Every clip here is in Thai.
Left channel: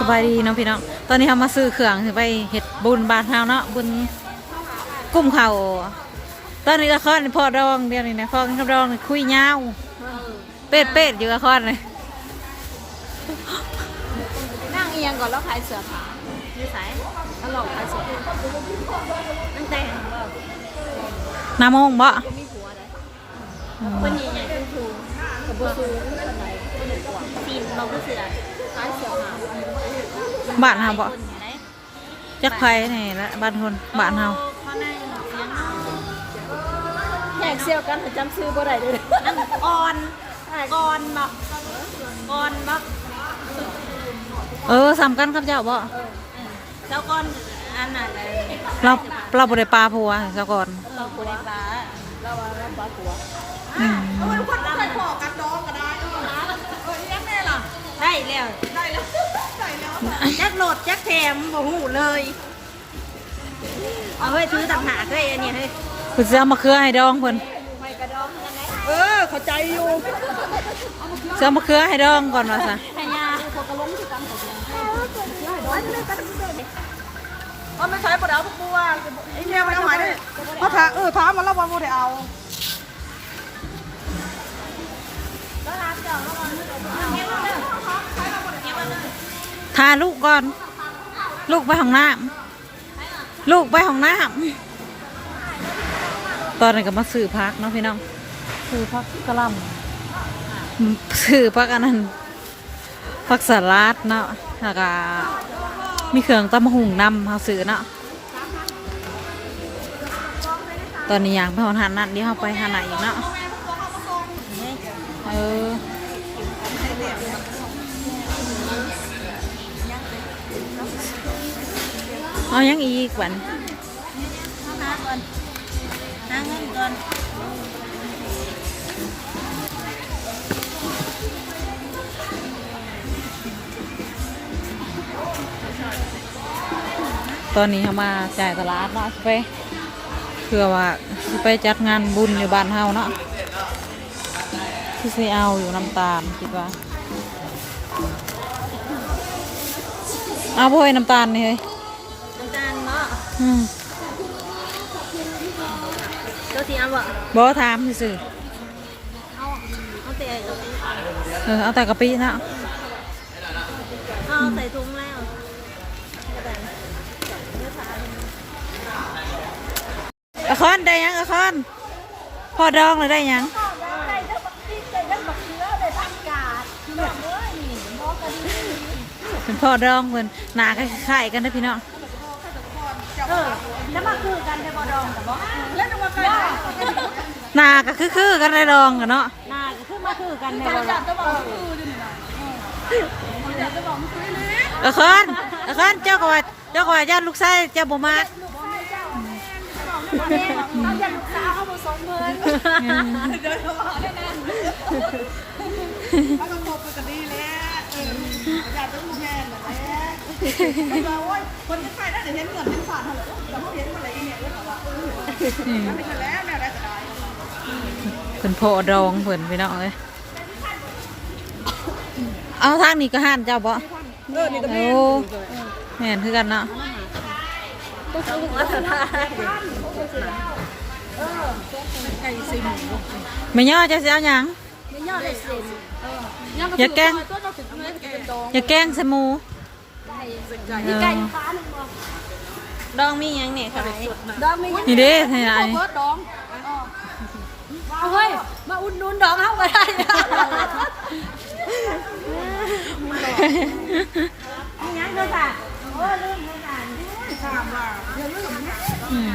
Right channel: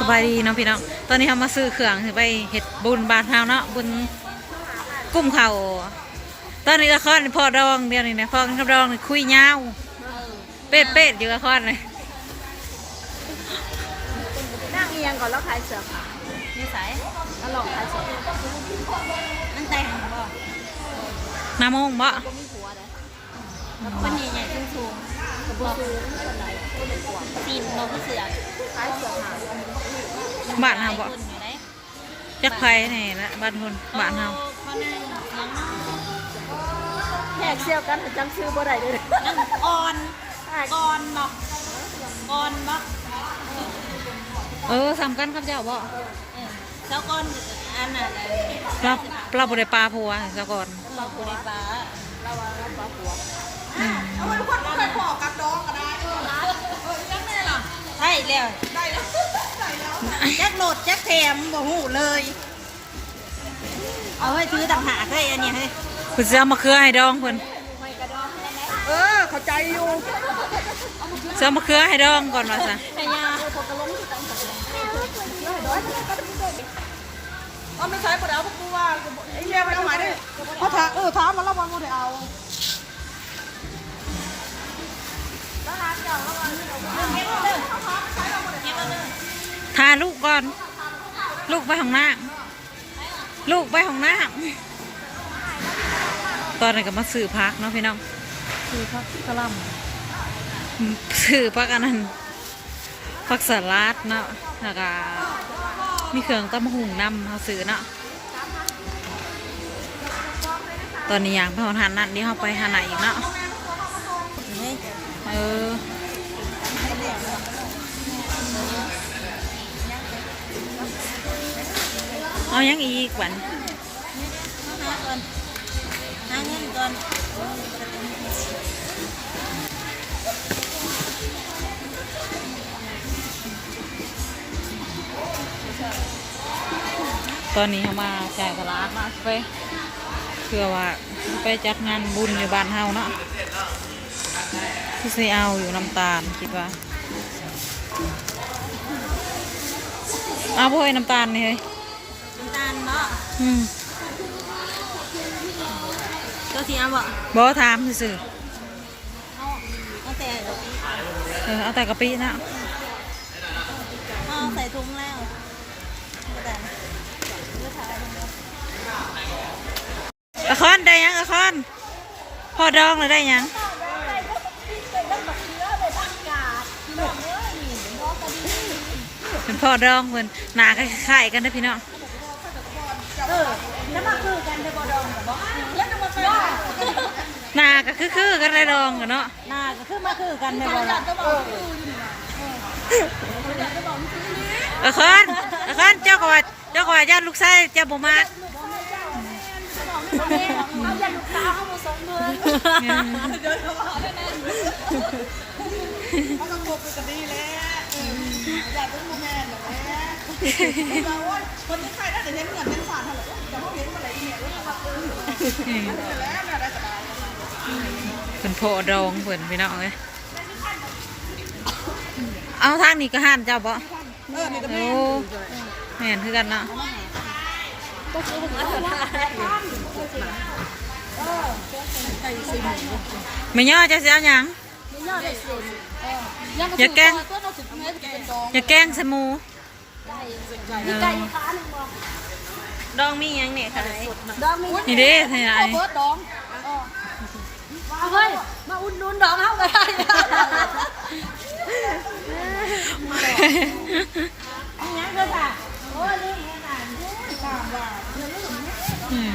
สบายดีเนาะพี่น้อง ตอนนี้เรามาซื้อเครื่องสิไปเห็ดบุญบานเฮาเนาะบุญกุ้มเขาตอนนี้ก็ค้อนพ่อดองเดียวนี่นะพ่อกับดองนี่คุยยาวเป็ดเป็ดอยู่กับค้อนเลยนั่งเอียงก่อนแล้วขายเสือมีสายตลกขายเสือนั่นแต่น้ำมงบ่ก็มีผัวเลยแล้วคนนี้ยังขึ้นสูงกับบัวสูงคนไหน ตีนเราก็เสือขายเสือบ้านเฮาบ่จักไผนี่แหละบ้านคนบ้านเฮาเขาในแขกเซียวกันจำชื่อบ่ได้เลยอ่อนอ่อนเนาะอ่อนเนาะเออสำกันกับเจ้าบ่เจ้าก้อนอันนั้นเราเราบ่ได้ปลาผัวซะก่อนเออคนนี้ปลาเราว่า แล้วได้แล้วได้แล้วแจ็คโหลดแจ็คแถมบ่หูเลยเอาไว้ถือต่างหากให้อันนี้ให้เพิ่นสิเอามาเครือให้ดองเพิ่นเออเข้าใจอยู่สิเอามาเครือให้ดองก่อนว่าซะพญาพอกระล้มที่กันกับเราเอาไม่ใช้ปลาดาวพวกกูว่าไอ้เนี่ยมันเอาหายได้เพราะถาเออถามมันแล้วมันไม่ได้เอาาลูกก่อน ลูกไปห้องน้ำลูกไปห้องน้ำตอนนี้ก็มาซื้อพักเนาะพี่น้องซื้อพักกะหล่ำซื้อพักอันนั้นพักสลัดเนาะแล้วก็มีเครื่องตำหุงนำเขาซื้อเนาะตอนนี้อยางไปหอนหันนั่นเดี๋ยวเราไปหาไหนอีกเนาะเออ เอายังอีกวันหาก่อนหาเงินก่อนตอนนี้เขามาจ่ายตลาดเนาะสิไปเพื่อว่าสิไปจัดงานบุญอยู่บ้านเฮาเนาะที่สิเอาอยู่น้ำตาลคิดว่าเอาบ่เฮ้ยน้ำตาลนี่เฮ้ย เจ้าที่เอาอะบ่ถามซื่อเอาเอาแต่ๆเออเอาแต่กะปิเนาะเอาใส่ถุงแล้วแต่อะคอนได้ยังอะคอนพ่อดองเลยได้ยังได้เจ้าบักซีเจ้าบักเชื้อเลยผักกาดพี่น้องเอ้ยนี่น้องกะดีเป็นพ่อดองเพิ่นหน้าคล้ายๆกันนะพี่เนาะ เออแล้วมาคือกันจะบ่ดองกับบ่แล้วจะมาคือหน้าก็คือๆกันเลยดองกันเนาะน่าคือมาคือกันเนี่ยจัดจะบอกคืออยู่นี่ล่ะเออจัดจะบอกคือนี่อะคอนอะคอนเจ้าก็ว่าเจ้าก็ว่าญาติลูกชายเจ้าบ่มากลูกพ่อแม่เจ้าแม่จะบอกนี่บ่แม่เอาอย่าลูกสาวเอาบ่สองเพิ่นเดินเข้ามาได้นะมันก็คบกันดีแล้วเอออยากเป็นผู้แม่แหละแม่เราโอ้ยคนที่ใครได้แต่เห็นเงินเห็นฝาดเท่าไหร่แต่พอเห็นอะไรเนี่ยแล้วเราเออมันเป็นแล้วแม่ได้ก็ได้เพิ่นพ่อดองเพิ่นพี่น้องเอ้ยเอาทางนี้ก็หันเจ้าบ่เออนี่ก็โอ้แม่นคือกันเนาะไก่ซีหมูไม่ย่อจะสิเอาหยังย่อได้เสร็จอย่าแกง องอย่าแกล้งสมูไก่เออไก่ขาหนึ่งบ่ดองมีหยังนี่ค่ะดองมีนี่เด้ให้ไอ้เบิร์ดดองเฮ้ย มาอุ่นนุนดองเฮาก็ได้นี่ยังคือค่ะโอ้ลืมให้ทานถามว่าอืม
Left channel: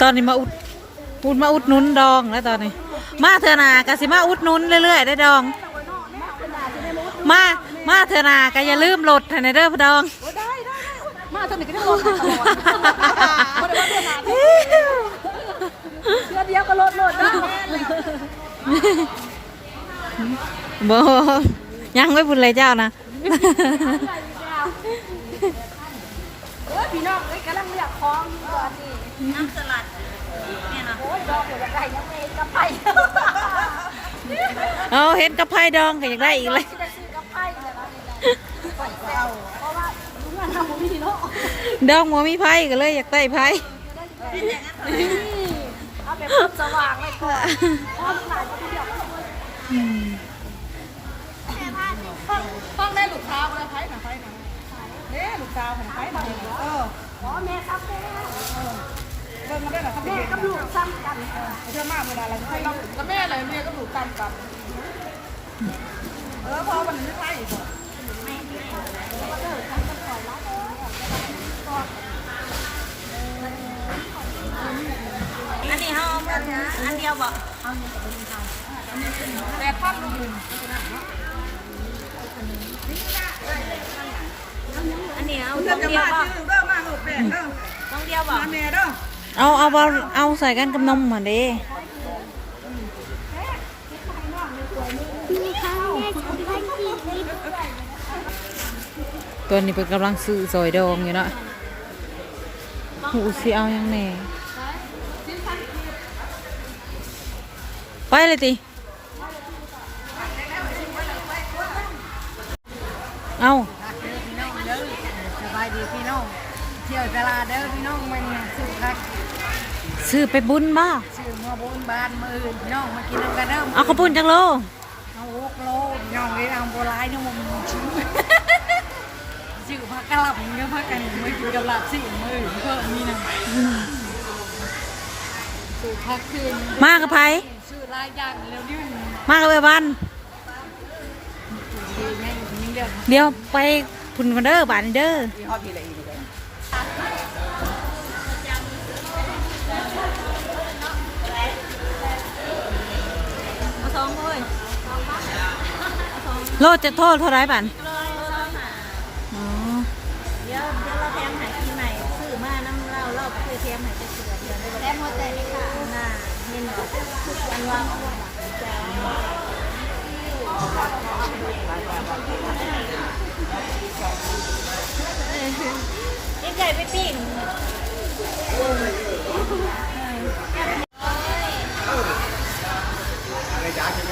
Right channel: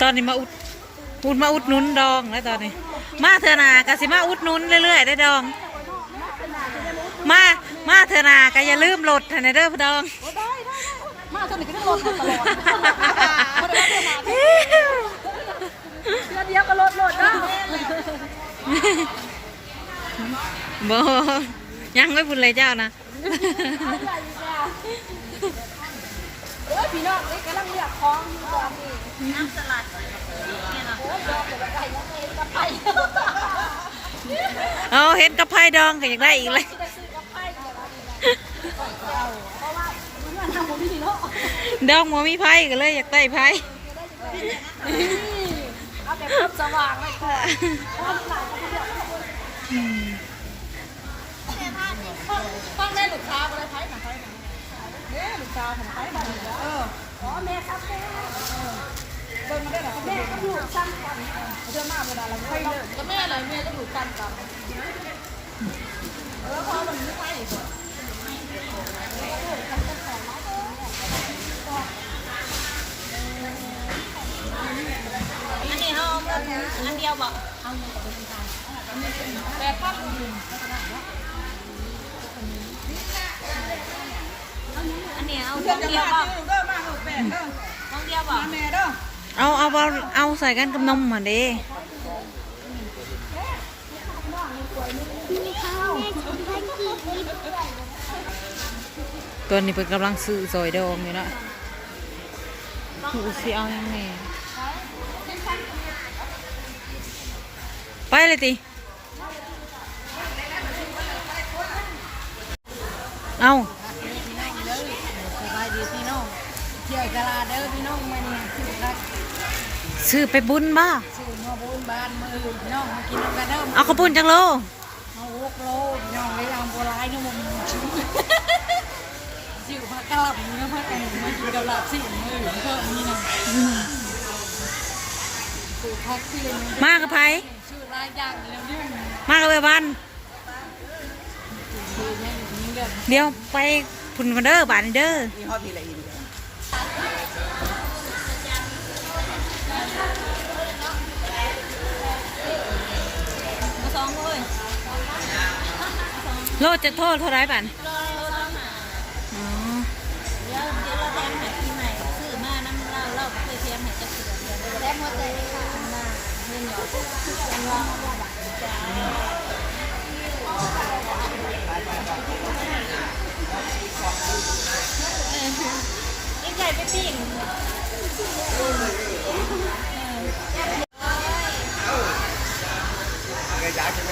ตอนนี้มาอุดอุดมาอุดหนุนดองแล้วตอนนี้ มาเถอะนาก็สิมาอุดหนุนเรื่อยๆได้ดอง มามาเถอะนาก็อย่าลืมโหลดในเด้อพี่ดอง โอ้ได้ได้ได้มาเท่านี้ก็ได้รถตลอดไม่ได้ว่าเท่านั้นเสื้อเดียวก็ลดลดได้แม่แล้วโบยังไม่พูดเลยเจ้านะ เด้อพี่น้องเอ้ยกำลังเรียกของอยู่ก่อนนี่โอ้ยดอก เปิดได้ยังไงก็ไปเอาเห็นกระเพราดองก็อยากได้อีกเลยได้เพราะว่ามันทำผมพี่เนาะดองหมัวมีไพ่ก็เลยอยากได้ไพ่เอาแบบสว่างเลยก่อนเพราะหลายจะเดียวต้องได้ลูกค้าอะไรไพ่หน่ะไพ่หน่ะเนี่ยลูกค้าของไพ่หน่ะเอออ๋อแม่ครับแม่ เบิ่งมาได้หรอครับแม่กับลูกซ้ำกันเชื่อมากเวลาเราเคยแล้วแม่อะไรแม่ก็ถูกกันกันเออพอมันไม่ใช่อีกอันนี้เขาเอาเงินอันเดียวบ่แต่ข้อมลูกหนึ่งอันนี้เอาเพื่ต้ออนงเดียวมาบ่เด้อมาลูกแม่ต้องเดียวบ่มาแม่เด้อ เอาเอาเอาเอาใส่กันกับนมมาด้ตัวนี้เป็นกำลังซื้อซอยดองอยู่นะหูสิเอายังไงไปเลยติเอาสบายดีพี่น้อง เที่ยวตลาดเด้อพี่น้องมันซื้อ รักซื้อไปบุญบ่ซื้อมาบุญบ้านมืออื่นพี่น้องมากินน้ำกันเด้อเอาข้าวปุ้นจังโลเอาหกโลพี่น้องเลยเอาโบราณนี่มันชื่อชื่อพักกะหล่ำเนี่ยพักกันมากินกับหลับสี่มือเพิ่มนี่นะซื้อพักเทียนมากับไผชื่อลายอย่างเร็วดิ้นมากับเอวันเทียนยังยังเดือดเดี๋ยวไปพุ่นกันเด้อบานเด้อ โลดจะโทษเท่าไรบันอ๋อเดี๋ยวเดี๋ยวเราแถมหาทีใหม่ซื้อมาน้ำเล้าเล้าเคยแถมหาจะเสือเดี๋ยวแถมหัวใจนี่ค่ะน้าเห็นบอกอันว่าจ้านี่ไก่ไปปิ้ง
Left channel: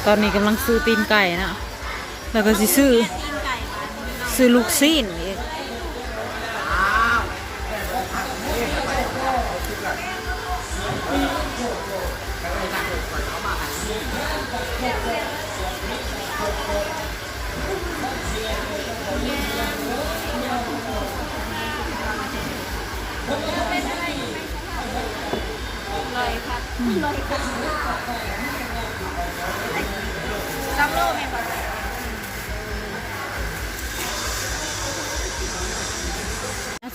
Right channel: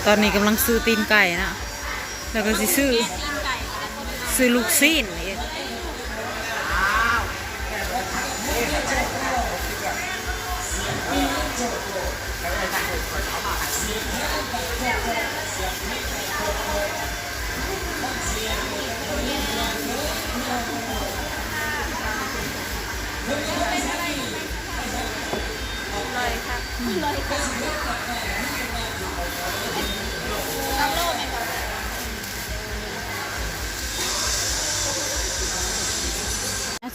ตอนนี้กำลังซื้อตีนไก่นะ แล้วก็สิซื้อปิ้งไก่บ้านเนาะซื้อลูกซีน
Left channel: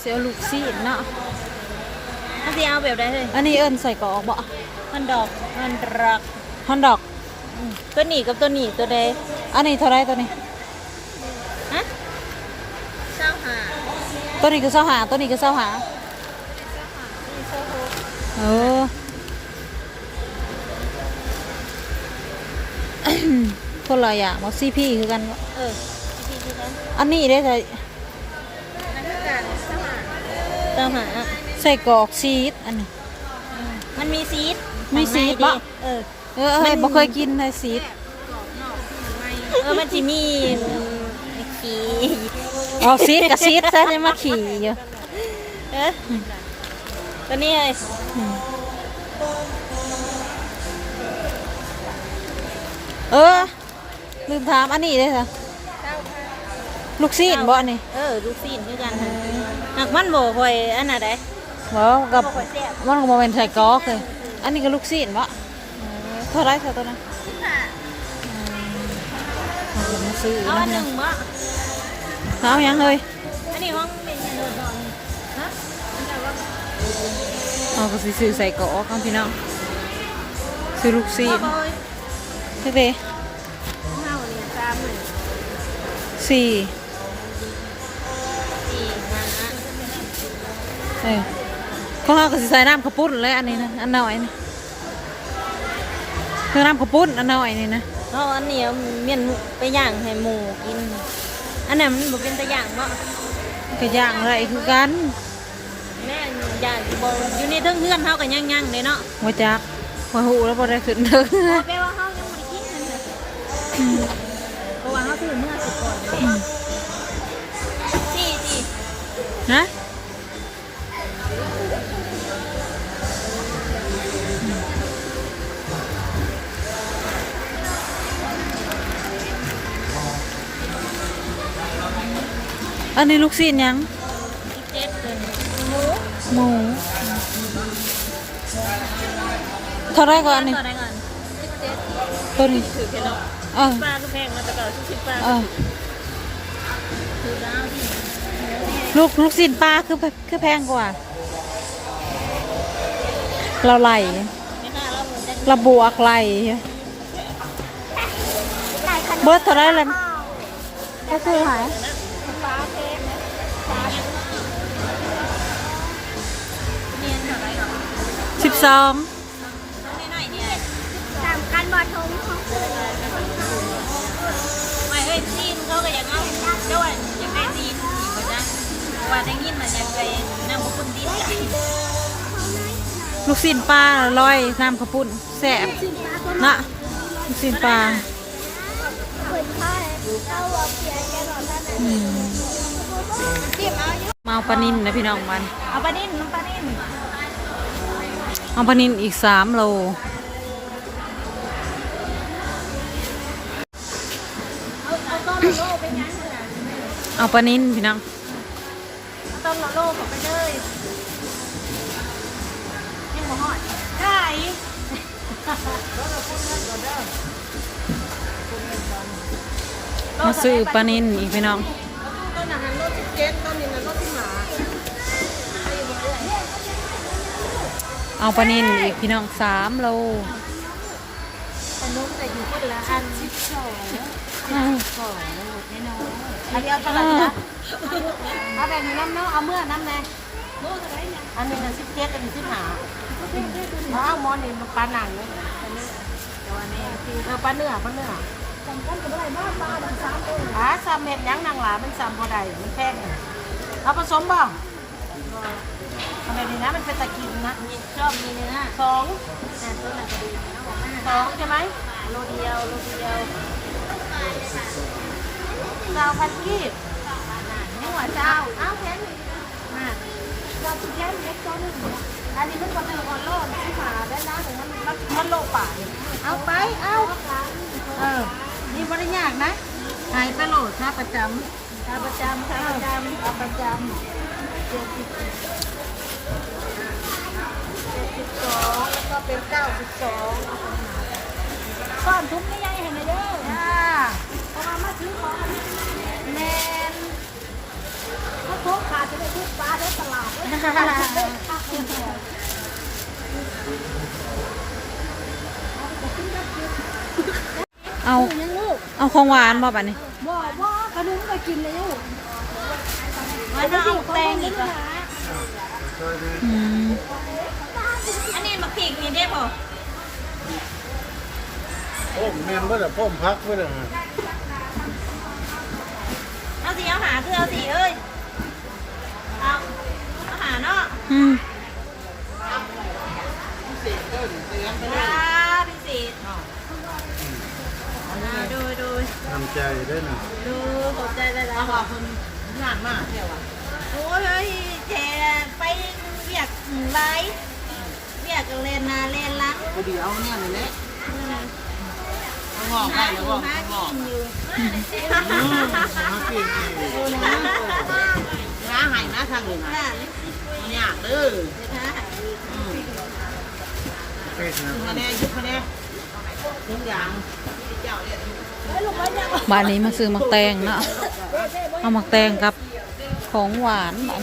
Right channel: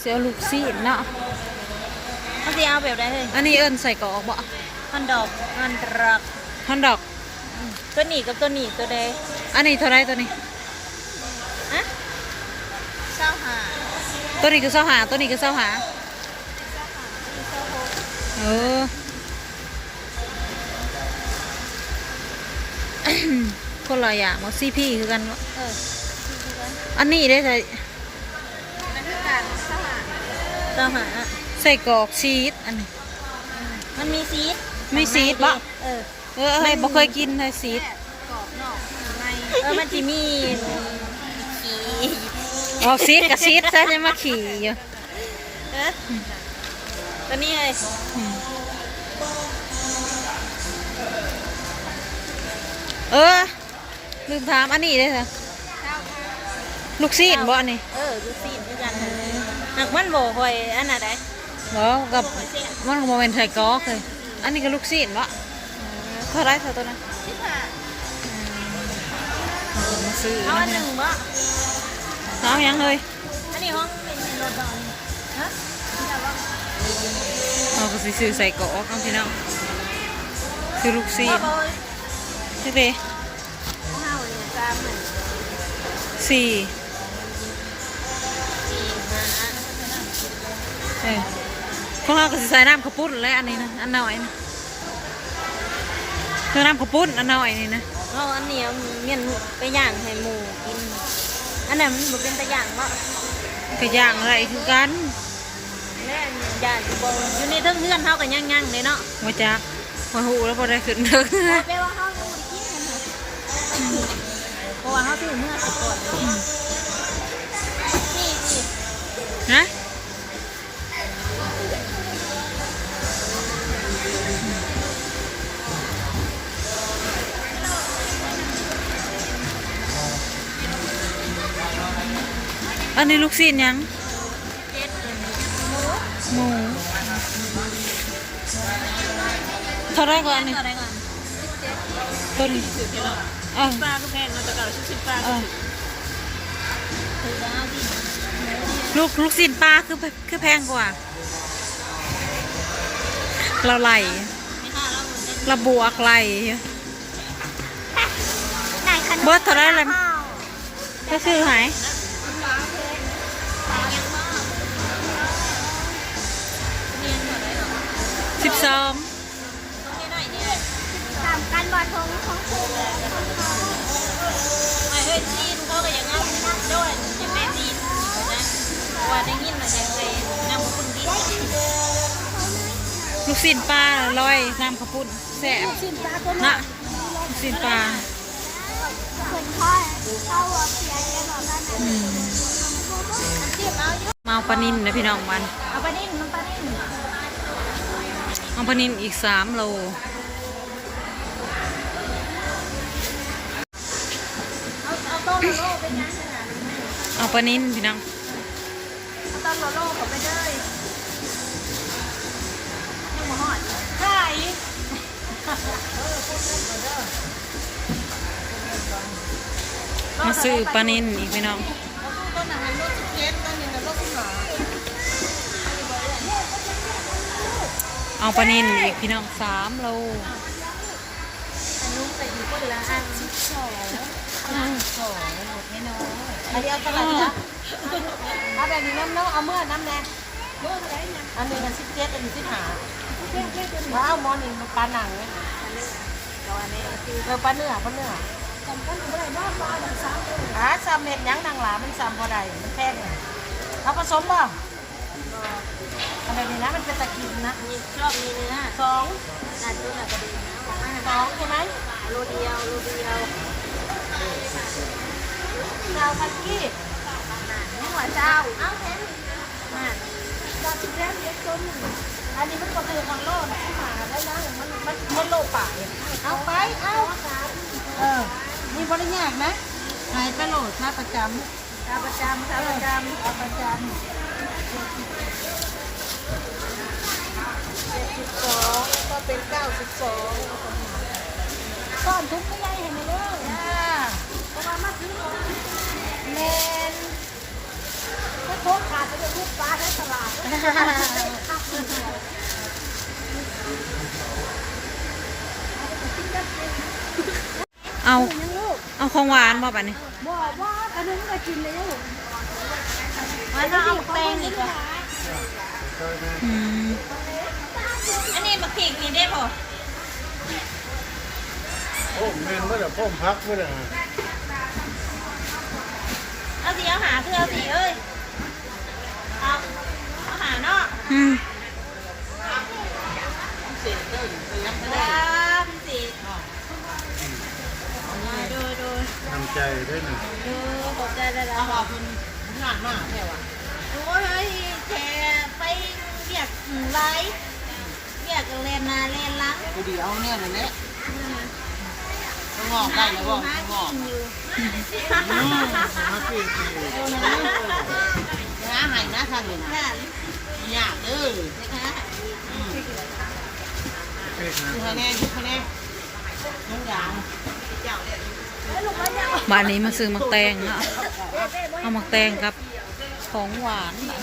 เสียลูกซีนเนาะถ้าจะเอาแบบใดเฮ้ยอันนี้เอิญใส่กรอกบ่ฮันดอกฮันรักฮอนดอกตัวนี้กับตัวนี้ตัวใดอันนี้เท่าไรตัวนี้ฮะเศร้าหาตัวนี้คือเสาหาตัวนี้คือเสาหาที่เศร้าหกเออคนละอย่างว่าซีพีคือกันวะเออที่ที่นั้นอันนี้ได้ใส่ เศร้าหาใส่กรอกชีสอันนี้ มันมีซีดมีซีดปะ เออ เออเฮ้ยบ่เคยกินเลยซีดเออมันจะมีขี้เอาซีดกับซีดซะจะมาขี่อยู่เออตัวนี้ไงเออลืมถามอันนี้เลยค่ะลูกซีดบ่อันนี้ เออดูซีนคือกัน หากมันบ่ค่อยอันน่ะได้บ่กับมันก็บ่เป็นใส่กรอกเลยอันนี้ก็ลูกซีดบ่เท่าไรเท่าตัวนั้นสิบห้าเอาจะมาซื้อเอานะอันหเนี่นึ่ยงบ่เอายังเลยอันนี้ห้องเป็นโดดดอนฮะนี่แบบว่าเอาก็สิซื้อใส่กรอกเอาพี่น้องคือลูกซีดโอ้ยโอเคเน่าหนึ่งสามหนึ่งสี่สี่ เออของเราก็สิใส่น้ำข้าวปุ้นเลยอันนี้นะอันน้อยนะคือน้ำข้าวปุ้นอันน้อยนี่นะเพราะอันนี้เมียนไปย่างให้หมูกิน อันนั้นมันบ่เป็นตะย่างเนาะก็ย่างอะไรคือกันแม่ย่างบ่อยู่ในเทิงเฮือนเฮาก็ย่างๆเลยเนาะว่าจักว่าหูแล้วพอได้ขึ้นเด้อแปลว่าเฮายังบ่ได้กินมันเลยเพราะว่าเฮาถือเมื่อสิก่อนฮะ อันนี้ลูกศิษย์ยังเจ็ดเลยหมูเท่าไรก่อนอันนี้ต่อได้ก่อนตัวนี้เออปลาก็แพงนะแต่ก็ชิบๆกันเออลูกลูกศิษย์ปลาคือคือแพงกว่า เราไหลไม่น่าเราเหมือนจะระบวกไหลได้ขนาดเบิร์ดเท่าไรเลยก็ซื้อหายปลาเพชรปลาเนียนต่อได้ก่อนสิบสองต้องไม่หน่อยเนี่ยตามกันบอลทองของไม่เฮ้ยจีนเขาก็ยังเอาเจ้าอันยังได้จีนอีกว่าจ้ะเพราะว่าได้ยินมายังเคยนำมาคุณดินจ้ะลูกศิษย์ปลาลอยน้ำข้าวปุ้นแสบนะลูกศิษย์ปลาอืมมาเอาปลานินนะพี่น้องมันเอาปลาดิ้นปลาดิ้นเอาปลานินอีกสามโลเอาต้นโลไปงั้นเอาปลานินพี่น้องต้นโลเข้าไปเลยยังบ่ฮอดขาย มาซื้อปลานินอีกพี่น้องเอาปลานินอีกพี่น้องสามโลอันนู้นแต่อยู่คนละอันสิบสองสองหมดแน่นอนอันนี้เอาเท่าไหร่นะเอาแบบนี้น้ำเนาะเอาเมื่อน้ำแน่อันนี้มันสิบเจ็ดอันนี้สิบห้าว้าวมอนี่มันปลาหนังเนี่ยเออปลาเนื้อปลาเนื้อ อ่าสามเม็ดยังนางหลามันสามบ่ได้มันแพงเลยเอาผสมบ่เอาแบบนี้นะมันเป็นตะกินนะชอบมีเนื้อสองสองใช่ไหมโลเดียวโลเดียวดาวพันกี้หัวเจ้าเอาแค่นี้อันนี้มันก็คือคอนโลนะที่มาได้นะมันมันมันโลป่ายเอาไปเอาเออ นี่บริยากนะหายไปโหลดมาประจำประจำประจำเอาประจำสิบสองก็เป็นเก้าสิบสองก้อนทุกไม่ใหญ่เห็นไหมเด้อจ้าแมนทุกขาดจะเป็นทุกปลาได้ตลาดเอา เอาของหวานมาแบบนี้มันต้องเอาแตงอีกอะอืมอันนี้มาขีดนี่ได้ป่ะโอ้แม่นเมื่อไหร่พ่อมพักเมื่อไหร่เอาสิเอาหาคือเอาสิเอ้ยเอาเอาหาเนาะอืมครับพี่สิอ่า ดูดูทำใจได้หนึ่งดูขอบใจได้แล้วขอบคุณงานมากแค่ว่ะโอ้ยเฮ้ยแจไปเรียกไรเรียกเลนนาเลนหลังกูดีเอาเนี่ยเลยเนี่ยต้องงอกได้แล้วบ่ต้องงอกนะมากินอีกดูนะน้าหายนะทางนี้นะย่านมันยากเด้อนะคะเป็ดนะยุคะแนนยุคะแนนทุกอย่าง บ้านนี้มาซื้อมักแตงเนาะเอามักแตงกับของหวานบัด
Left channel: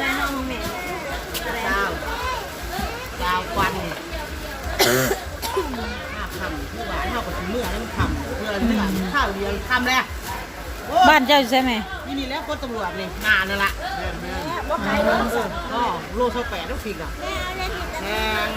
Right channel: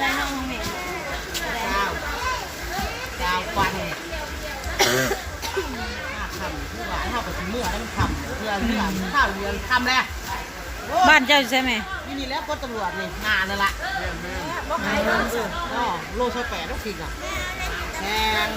ได้น้องของแม่ดาวดาวควันห้าคำที่หวานเท่ากับถึงเมื่อได้มันคำเพื่อเมื่อข้าวเรียนคำแล้วบ้านเจ้าอยู่ใช่ไหมนี่นี่แล้วก็ตำรวจนี่มานั่นละเออก็โลเท่าแปดต้องสิกอะแพง